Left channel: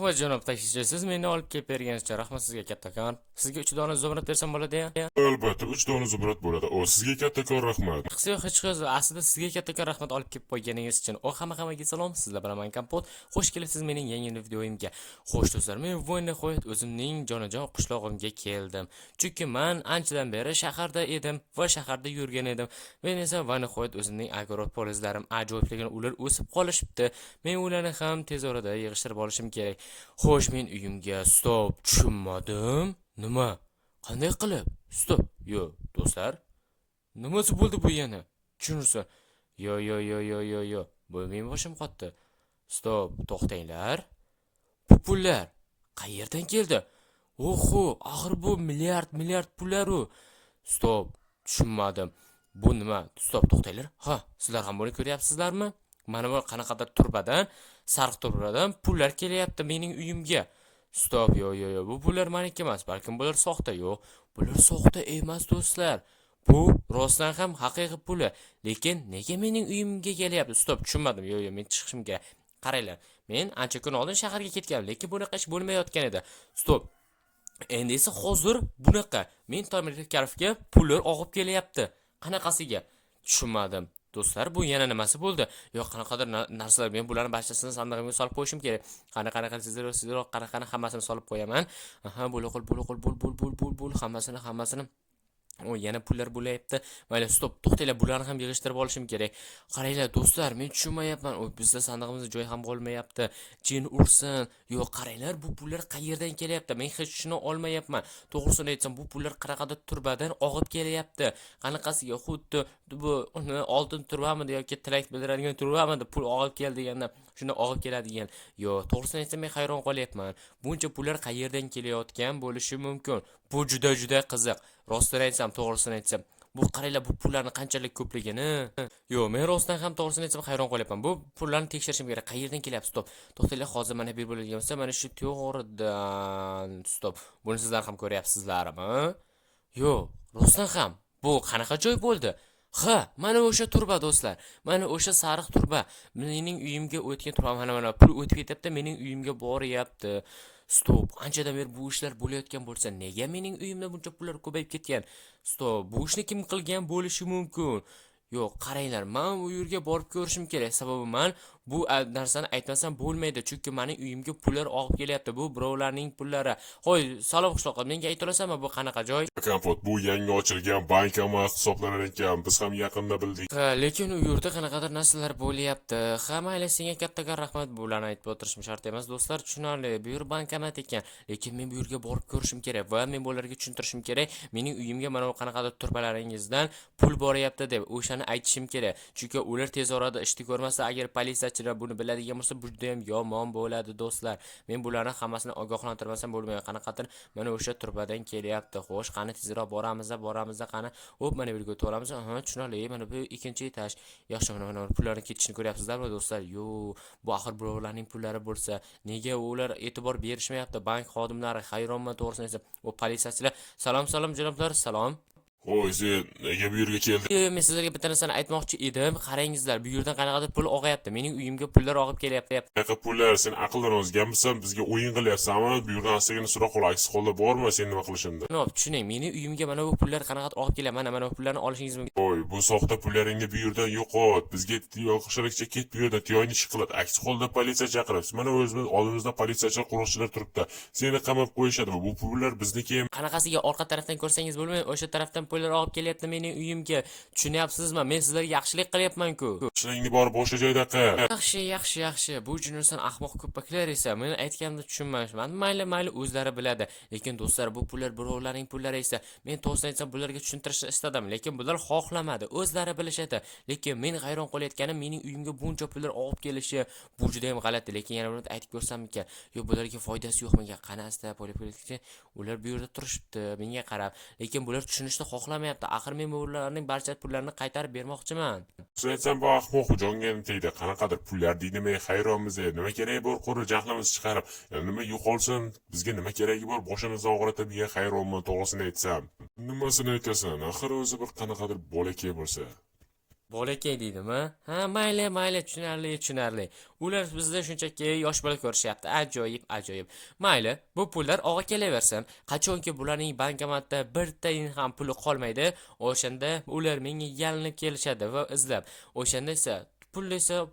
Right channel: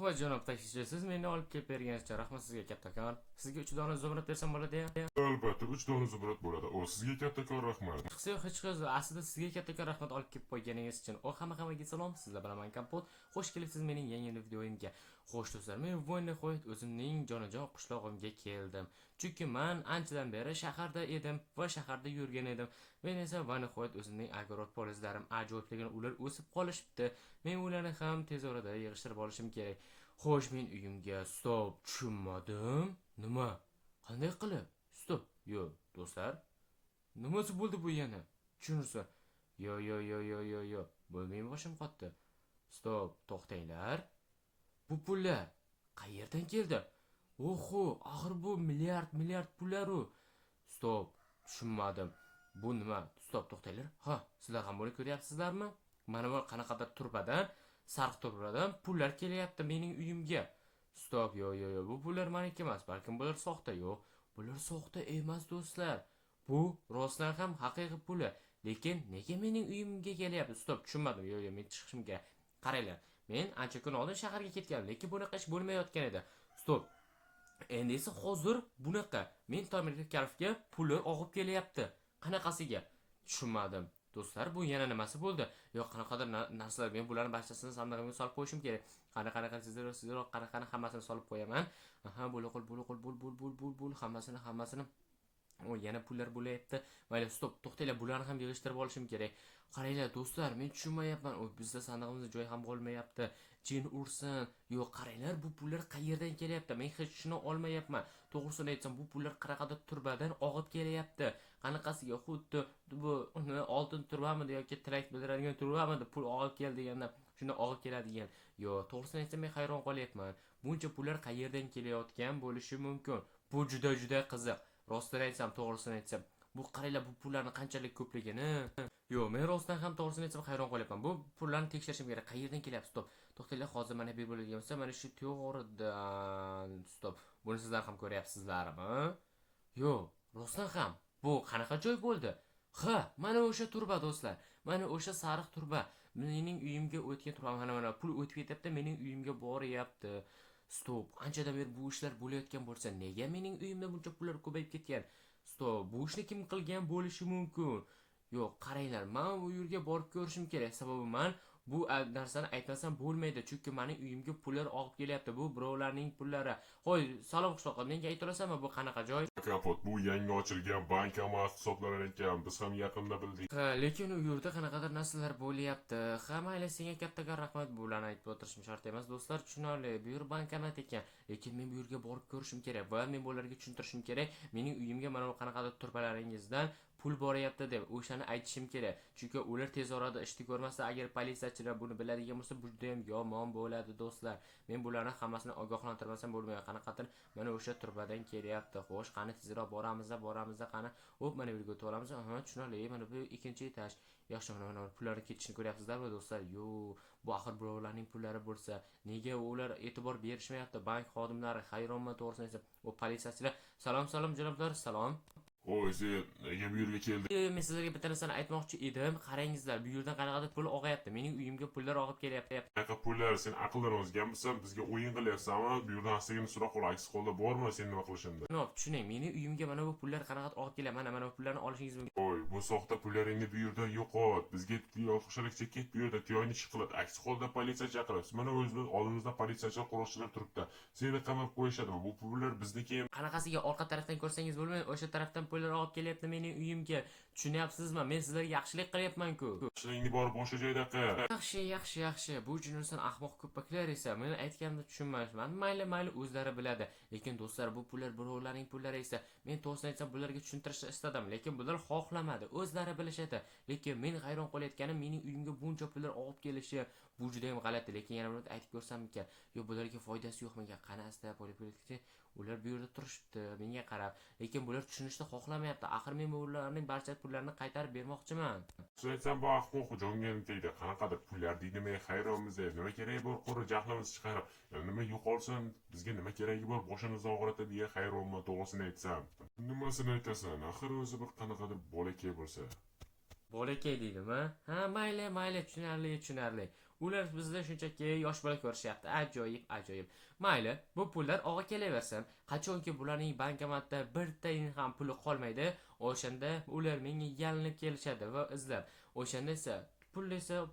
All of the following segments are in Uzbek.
Rahmat janob taksichi, siz meni olib kelib berganingiz uchun rahmat sizga kattakon. Sizga 3 dona zumrad bersam bo'ladi-ya? Albatta 3 dona zumrad bo'ladi. Sizga kattakon rahmat. Qisi yo'q, hech qisi. Aslida sizga kattakon rahmat olib kelib qo'yganingiz uchun. Hammaga salom, sizlar bilan Kompot. Xush kelibsiz mening yangi videoyimga. Xo'sh do'stlar, men nihoyat o'zimning jonajon qishlog'imga keldim. Chunki men anchadan beri shaharda edim va shaharda yurgan edim. Men esa nihoyat o'zimning agorod polizlarim ajoyibligini ular o'sib qolishibdi. Men ularni ham tez orada yig'ishtirib olishim kerak. Xo'sh, men uyimga stop tushunmadim. Nima? Qanday qilib? Stop. Yo, do'stlar. Nimasi bo'ldi bu yana? Tushunursa. Yo. Bu men boshim qotdi. Stop, to'xtanglar. Bu pullar qayerdan keldi? Oho, axir bu milliard pullar u. Stop, tushunmadim. Bu nima? Stop, to'xtanglar. Ha, sizlar ham buni ko'ryapsizlarmi? Mana bu qanaqadir turbadan, sariq turbadan pullar kelyapti mening uyimga. Stop, yo. Bu pullar meniki emas, balkim bular soxta. Yo'q, bular soxta emas do'stlar. Bu rostdan ham haqiqiy puli. Lekin nega mening uyimga kelyapti? Stop, tushunmadim. Yo, men chiqishim kerak. Qaranglar. Men ancha kun oldin shaharga ketganman, lekin bunaqa ish bo'lmayotgan edi. Stop. Endi esa hozir bunaqa. Men Tomirkarovga pullar og'ib kelyapti. Qanaqasiga? Tushunmadim. Do'stlar, bu yana nimasi bo'ldi? Yo'q, qanaqadir narsalar, men bularni barchasini sandig'imga solib qo'yishim kerak. Qanaqa sizlar qanaqa hammasini solib qo'yaman. Aha, bul hammasini. O, yana pullar bo'layapti. Mayli, stop, to'xtanglar, bularni ham yig'ishtirib olishim kerak. Qaranglar do'stlar, men tushunmayapman. O, bizda sandig'imizda joy ham bo'lmayapti. Jin ursin. Yo'q, qaranglar, bu pullar qayerdan kelyapti? Men hech tushuna olmayapman. To'g'risini aytsam, bu pullar qanaqadir turbadan og'ib kelyapti. Qanaqasiga xuddi bu oltin turbamidi yoki tilak bildiradigan turbamidi pul og'ib keldi deganda shunda og'ib keladigan. Yo'q, to'g'risini aytsam, men hayron qolyapman. Buncha pullar qayerdan kelayotgan bo'lishi mumkin? Bu juda qiziq. Rostini aytsam, to'g'risini aytsam, bu qaranglar, bu pullarning qanchalik ko'pligini. Yo'q, men rostdan ham to'g'risini aytsam hayron qolyapman. Bu pullarni tekshirishim kerak. Qayerdan kelyapti? Stop. To'xtanglar, hozir mana bir bo'ladigan bo'lsa, mana shu to'g'ridan. Stop. Buni sizlar ham ko'ryapsizlarmi? Yo'q, rostdan ham. Bu qanaqa joy bo'ldi? Ha, mana o'sha turba do'stlar. Mana o'sha sariq turba. Mening uyimga o'tgan turba, mana pul o'tib ketyapti, mening uyimga boryapti. Stop, anchadan beri bu ishlar bo'layotgan bo'lsa, nega mening uyimda buncha pullar ko'payib ketgan? Stop, bu ishni kim qilgan bo'lishi mumkin? Yo'q, qaranglar, men u yerga borib ko'rishim kerak. Sababi men bu narsani aytmasam bo'lmaydi, chunki mening uyimga pullar og'ib kelyapti. Bu birovlarning pullari. Qo'y, salom qishloqqa, menga aytolasanmi bu qanaqa joy? Kompot, bu yangi ochilgan bank emas hisoblanar ekan. Biz ham yaqinda bildik. Ha, lekin u yerda qanaqadir narsalar bo'lyapti. Ha, mayli, senga kattakon rahmat, bularni aytib o'tirishim shart emas, do'stlar, tushunarli. Bu yer bankomat ekan, lekin men bu yerga borib ko'rishim kerak va men bularga tushuntirishim kerak. Mening uyimga mana bu qanaqadir turbalaringizdan pul boryapti deb o'shani aytishim kerak. Chunki ular tez orada ishni ko'rmasa, agar politsiyachilar buni biladigan bo'lsa, bu juda ham yomon bo'ladi, do'stlar. Men bularni hammasini ogohlantirmasam bo'lmaydi. Qanaqadir mana o'sha turbadan kelyapti. Xo'sh, qani tezroq boramiz, qani. Hop, mana bu yerga o'tamiz. Aha, tushunarli. Mana bu ikkinchi etaj. Yaxshi, mana pullarni ketishini ko'ryapsizlarmi, do'stlar? Yo'q, bu axir birovlarning pullari bo'lsa, nega ular e'tibor berishmayapti? Bank xodimlari hayronman, to'g'risini aytsam. O, politsiyachilar, salom janoblar, salom. Xo'sh, sen nega bu yerga kelding? Men sizlarga bitta narsani aytmoqchi edim. Qarangizlar, bu yerdan qanaqadir pul og'ayapti. Mening uyimga pullar og'ib kelyapti. Qanaqa pullar? Sen aqldan ozganmisan? Bizga o'yin qilyapsanmi? Bu yerdan astagina so'roq qil, aks holda borma, sen nima qilishingda. No, tushuning, mening uyimga mana bu pullar qanaqadir og'ib kelyapti. Mana bu pullarni olishingiz mumkin. Voy, bu soxta pullaringni bu yerdan yo'qot. Bizga yo'qishlikcha ket bu yerdan, tiyongni ish qiladi. Aks holda politsiya chaqiramiz. Mana o'zimiz oldimizda politsiyachilar, qo'riqchilar turibdi. Seni qamab qo'yishadi. Bu pullar bizniki emas. Qanaqasiga orqa tarafdan ko'rsangiz bo'lmaydi, o'sha tarafdan pullar og'ib kelyapti mening uyimga. Tushunyapsizmi? Men sizlarga yaxshilik qilyapman-ku. Ishingni borib boshqa joyda qil. Yaxshi. Bu jurnalistlar ahmoq ko'paklar esa meni aytganimda tushunmayman. Mayli, o'zlari biladi. Lekin do'stlar, bu pullar birovlarning pullari esa. Men to'g'risini aytsam, bularga tushuntirishni istadim, lekin bular xohlamadi. O'zlari bilishadi. Lekin men hayron qolayotganim, mening uyimga buncha pullar og'ib kelishi bu juda ham g'alati. Lekin yana bir aytib ko'rsam ekan, yo'q, bularga foydasi yo'qmikan? Qanasida politsiya ular bu yerda turishibdi menga qarab, lekin bular tushunishni xohlamayapti. Axir men ularning barcha pullarini qaytarib bermoqchiman. Sen aytsam, bu ahmoq jonga tegdi. Qanaqadir pullar deymay hayronmiz. Nima keragi bor, qo'ri jahlimiz chiqarib, nima yo'qolsin, bizga nima keragi bor, boshimizni og'ritib, hayronman, to'g'risini aytsam. Nimasini aytasan? Axir o'zi bir qanaqadir bolakay bo'lsa. Bolakay deydimi? Ha, mayli, mayli, tushunarli. Ular bizda shunchaki yosh bola ko'rishyapti. Ajoyib, ajoyib. Mayli, bu pullar og'a kelaversin. Qachonki bularning bankomatda birtayin ham puli qolmaydi, o'shanda ular menga yalinib kelishadi va izlab. O'shanda esa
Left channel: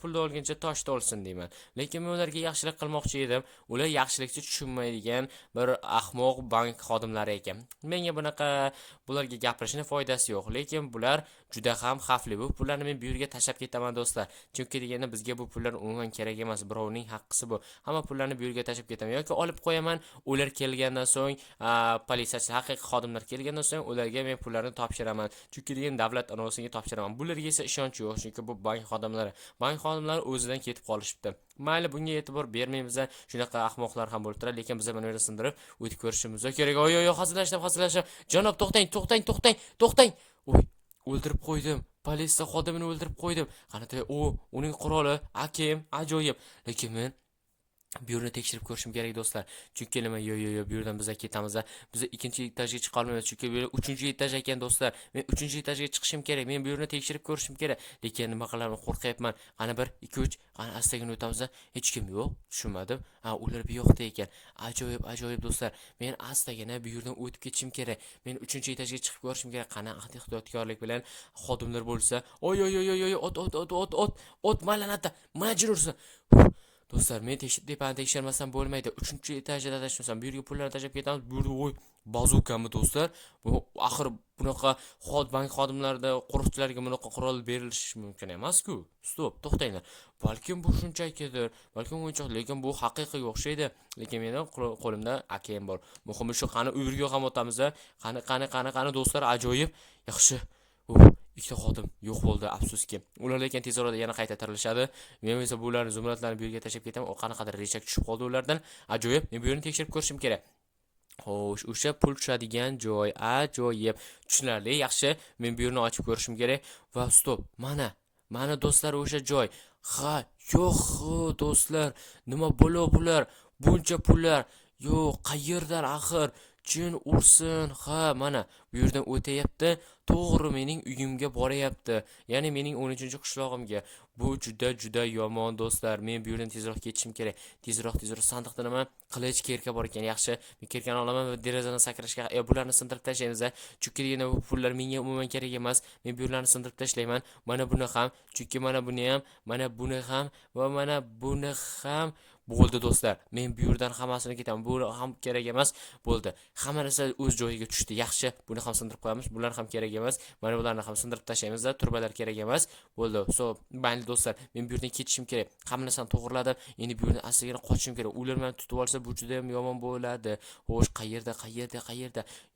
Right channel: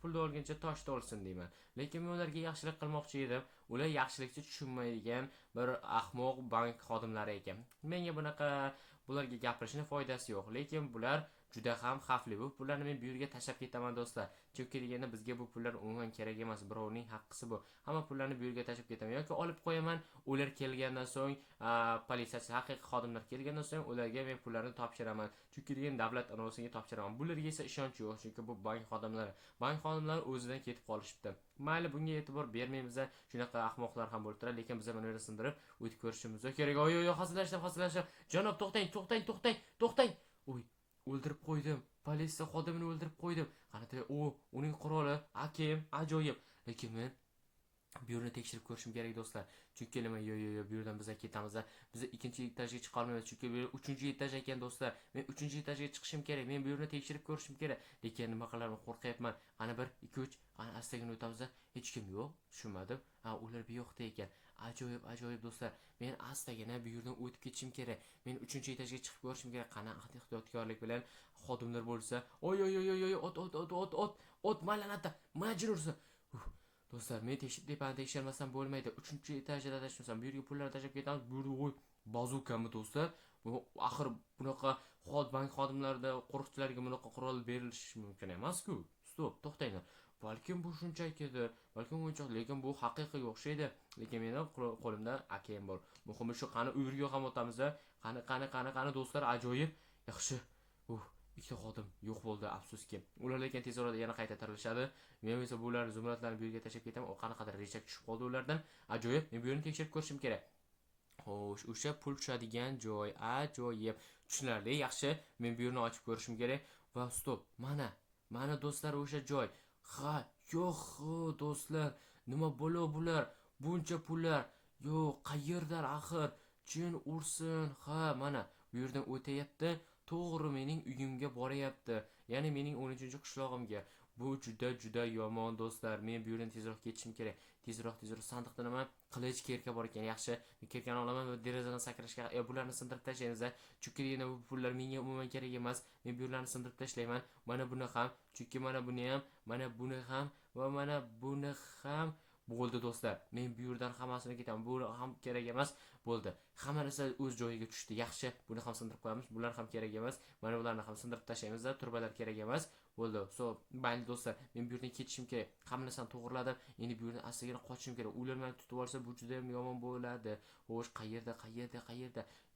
pulni olguncha toshda olsin deyman. Lekin men ularga yaxshilik qilmoqchi edim. Ular yaxshilikni tushunmaydigan bir ahmoq bank xodimlari ekan. Menga bularga gapirishning foydasi yo'q, lekin bular juda ham xavfli. Bu pullarni men bu yerga tashlab ketaman do'stlar. Chunki deganda bizga bu pullar umuman kerak emas. Birovning haqqisi bu. Hamma pullarni bu yerga tashlab ketaman yoki olib qo'yaman. Ular kelgandan so'ng, politsiyachi, haqiqiy xodimlar kelgandan so'ng ularga men pullarni topshiraman. Chunki degan davlat anovasiga topshiraman. Bularga esa ishonch yo'q, chunki bu bank xodimlari. Bank xodimlari o'zidan ketib qolishibdi. Mayli, bunga e'tibor bermaymiz. Shunaqa ahmoqlar ham bo'lib turadi, lekin biz mana yerda sindirib o'tib ko'rishimiz kerak. Oy, hazillashdim. Janob, to'xtang. Oy, o'ldirib qo'ydim. Politsiya xodimini o'ldirib qo'ydim. Qanday uning quroli, AKM, ajoyib. Lekin men bu yerni tekshirib ko'rishim kerak do'stlar. Chunki nima, bu yerdan biz ketamiz. Biz ikkinchi etajga chiqa olmaymiz, chunki bu 3-etaj ekan do'stlar. Men 3-etajga chiqishim kerak. Men bu yerni tekshirib ko'rishim kerak. Lekin nima qilaman, qo'rqyapman. Qani 1 2 3, qani astagina o'tamiz. Hech kim yo'q. Tushunmadim. Ular bu yoqda ekan. Ajoyib do'stlar. Men astagina bu yerdan o'tib ketishim kerak. Men 3-etajga chiqib ko'rishim kerak. Qani ehtiyotkorlik bilan xodimlar bo'lsa, oy, ot malanata, majbursan. Do'stlar, men tekshirmasam bo'lmaydi. 3-etajda tashlasam, bu yerga pullarni tashlab ketamiz. Bu yerda bazukami do'stlar? Bu axir bunaqa bank xodimlarida qo'riqchilarga bunaqa qurol berilishi mumkin emas-ku. Stop, to'xtanglar. Balkim bu shunchakidir, balkim o'yinchoq, lekin bu haqiqiy o'xshaydi. Lekin mening qo'limda AKM bor. Muhimi shu, qani u yerga ham o'tamiz. Qani do'stlar, ajoyib. Yaxshi. Ikkita xodim yo'q bo'ldi, afsuski. Ular lekin tez orada yana qayta tirilishadi. Men esa bularni zumratlarni bu yerga tashlab ketaman. O qanaqadir rechak tushib qoldi ulardan. Ajoyib. Men bu yerni tekshirib ko'rishim kerak. Xo'sh, o'sha pul tushadigan joy ajoyib. Tushunarli, yaxshi. Men bu yerni ochib ko'rishim kerak va stop. Mana do'stlar, o'sha joy. Ha, yo'q do'stlar. Nima bular? Buncha pullar. Yo'q, qayerdan axir? Jin ursin. Ha, mana bu yerdan o'tayapti. To'g'ri mening uyimga boryapti. Ya'ni mening 13-qishlog'imga. Bu juda yomon do'stlar. Men bu yerdan tezroq ketishim kerak. Tezroq sandiqda nima? Qilich, kerka bor ekan. Yaxshi, men kerkani olaman va derazadan sakrashga, bularni sindirib tashlaymiz. Chunki yana bu pullar menga umuman kerak emas. Men bu yerlarni sindirib tashlayman. Mana buni ham, chunki mana buni ham va mana buni ham. Bo'ldi do'stlar. Men bu yerdan hammasini ketaman. Bu ham kerak emas. Bo'ldi. Hamma narsa o'z joyiga tushdi. Yaxshi, buni ham sindirib qo'yamiz. Bular ham kerak emas. Mana bularni ham sindirib tashlaymiz. Turbalar kerak emas. Bo'ldi. Mayli do'stlar, men bu yerdan ketishim kerak. Hamma narsani to'g'irladim. Endi bu yerdan astagina qochishim kerak. Ular meni tutib olsa, bu juda ham yomon bo'ladi. Xo'sh, qayerda?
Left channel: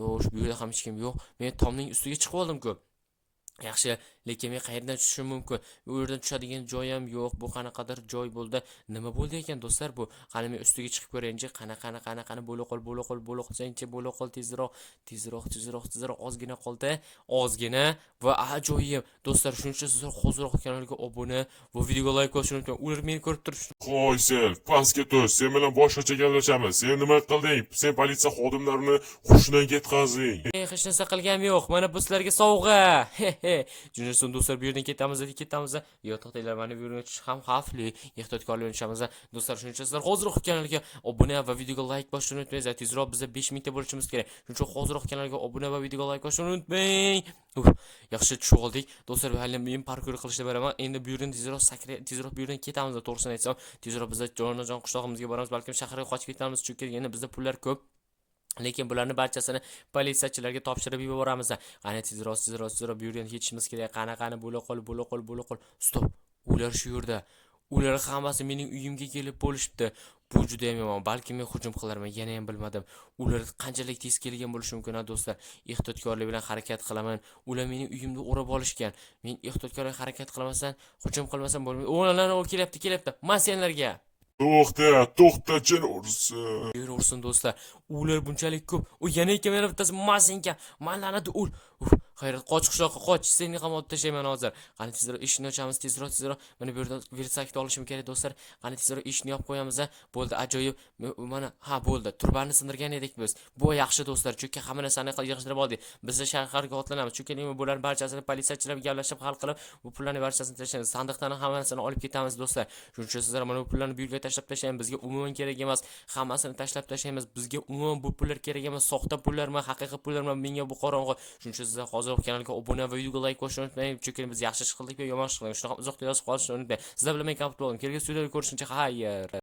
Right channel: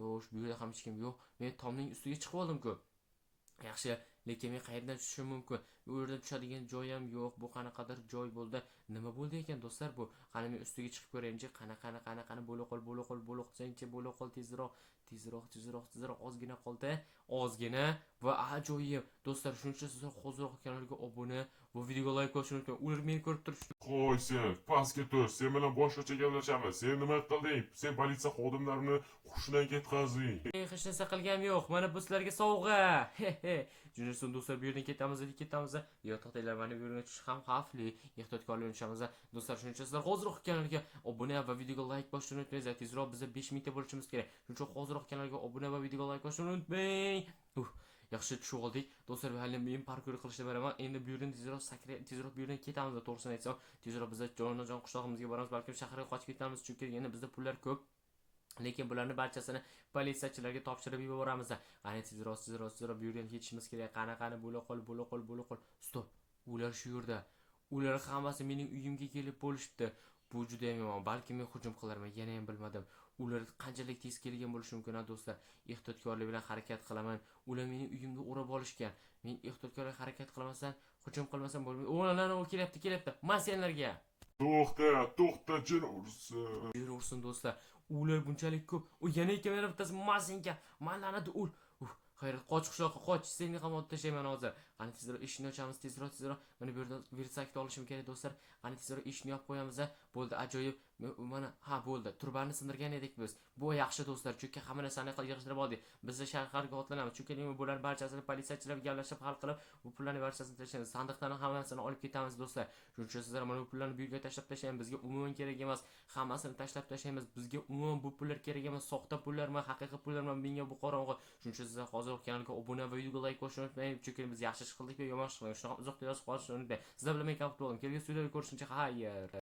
Yo'q, bu yerda ham hech kim yo'q. Men tomning ustiga chiqib oldim-ku. Yaxshi, lekin men qayerdan tushishim mumkin? Bu yerdan tushadigan joy ham yo'q. Bu qanaqadir joy bo'ldi. Nima bo'ldi ekan do'stlar bu? Qani men ustiga chiqib ko'rayinchi. Qani bo'la qolsangchi, bo'la qol tezroq. Ozgina qoldi. Ozgina va ajoyib. Do'stlar, shuning uchun sizlar hozirroq kanalga obuna va videoga like bosishni unutmang. Ular meni ko'rib turibdi. Qo'y sen, pastga tush. Sen bilan boshqacha gaplashamiz. Sen nima qilding? Sen politsiya xodimlarini hushidan ketqazding. Hech narsa qilganim yo'q. Mana bu sizlarga sovg'a. Juniorson do'stlar, bu yerdan ketamiz. Yo, to'xtanglar, mana bu yerga tushish ham xavfli. Ehtiyotkorlik o'ynashamiz. Do'stlar, shuning uchun sizlar hozirroq kanalga obuna va videoga like bosishni unutmang. Tezroq bizda 5000 ta bo'lishimiz kerak. Shuning uchun hozirroq kanalga obuna va videoga like bosishni unutmang. Yaxshi tushib oldik. Do'stlar, hali men parkour qilishni beraman. Endi bu yerdan tezroq bu yerdan ketamiz. To'g'risini aytsam, tezroq biz jonajon qishlog'imizga boramiz. Balkim shaharga qochib ketamiz, chunki yana bizda pullar ko'p. Lekin bularni barchasini politsiyachilarga topshirib yuboramiz. Qani tezroq bu yerdan ketishimiz kerak. Qani bo'la qol. Stop. Ular shu yerda. Ular hammasi mening uyimga kelib bo'lishibdi. Bu juda ham yomon. Balki men hujum qilarman, yana ham bilmadim. Ular qanchalik tez kelgan bo'lishi mumkin, do'stlar. Ehtiyotkorlik bilan harakat qilaman. Ular mening uyimni o'rab olishgan. Men ehtiyotkorlik harakat qilmasam, hujum qilmasam bo'lmaydi. O'g'lanlar kelyapti. Men senlarga To'xta, jin ursin. Ursin do'stlar. Ular bunchalik ko'p. Yana ikkita bittasi masenka. Manlanadi ul. Xayrat, qoch qishloqqa, qoch. Seni ham otib tashlayman hozir. Qani tezroq eshikni ochamiz, tezroq. Mana bu yerda versakni olishim kerak do'stlar. Qani tezroq eshikni yopib qo'yamiz. Bo'ldi, ajoyib. Mana ha bo'ldi. Turbani sindirgan edik biz. Bu yaxshi do'stlar, chunki hamma narsani yig'ishtirib oldik. Biz shaharga otlanamiz. Chunki nima bular barchasini politsiyachilar gaplashib hal qilib, bu pullarni barchasini tashlaymiz. Sandiqdan hammasini olib ketamiz do'stlar. Shuning uchun sizlar mana bu pullarni bu yerga tashlab tashlang. Bizga umuman kerak emas. Hammasini tashlab tashlaymiz. Bizga umuman bu pullar kerak emas. Soxta pullarmi, haqiqiy pullarmi menga bu qorong'u. Shuning uchun sizlar hozir kanalga obuna va videoga like qo'yishni unutmang. Chunki biz yaxshi ish qildik va yomon ish qildik. Shunaqa uzoqda yozib qolishni unutmang. Sizlar bilan men kamput bo'ldim. Kelgusi videoda ko'rishguncha xayr.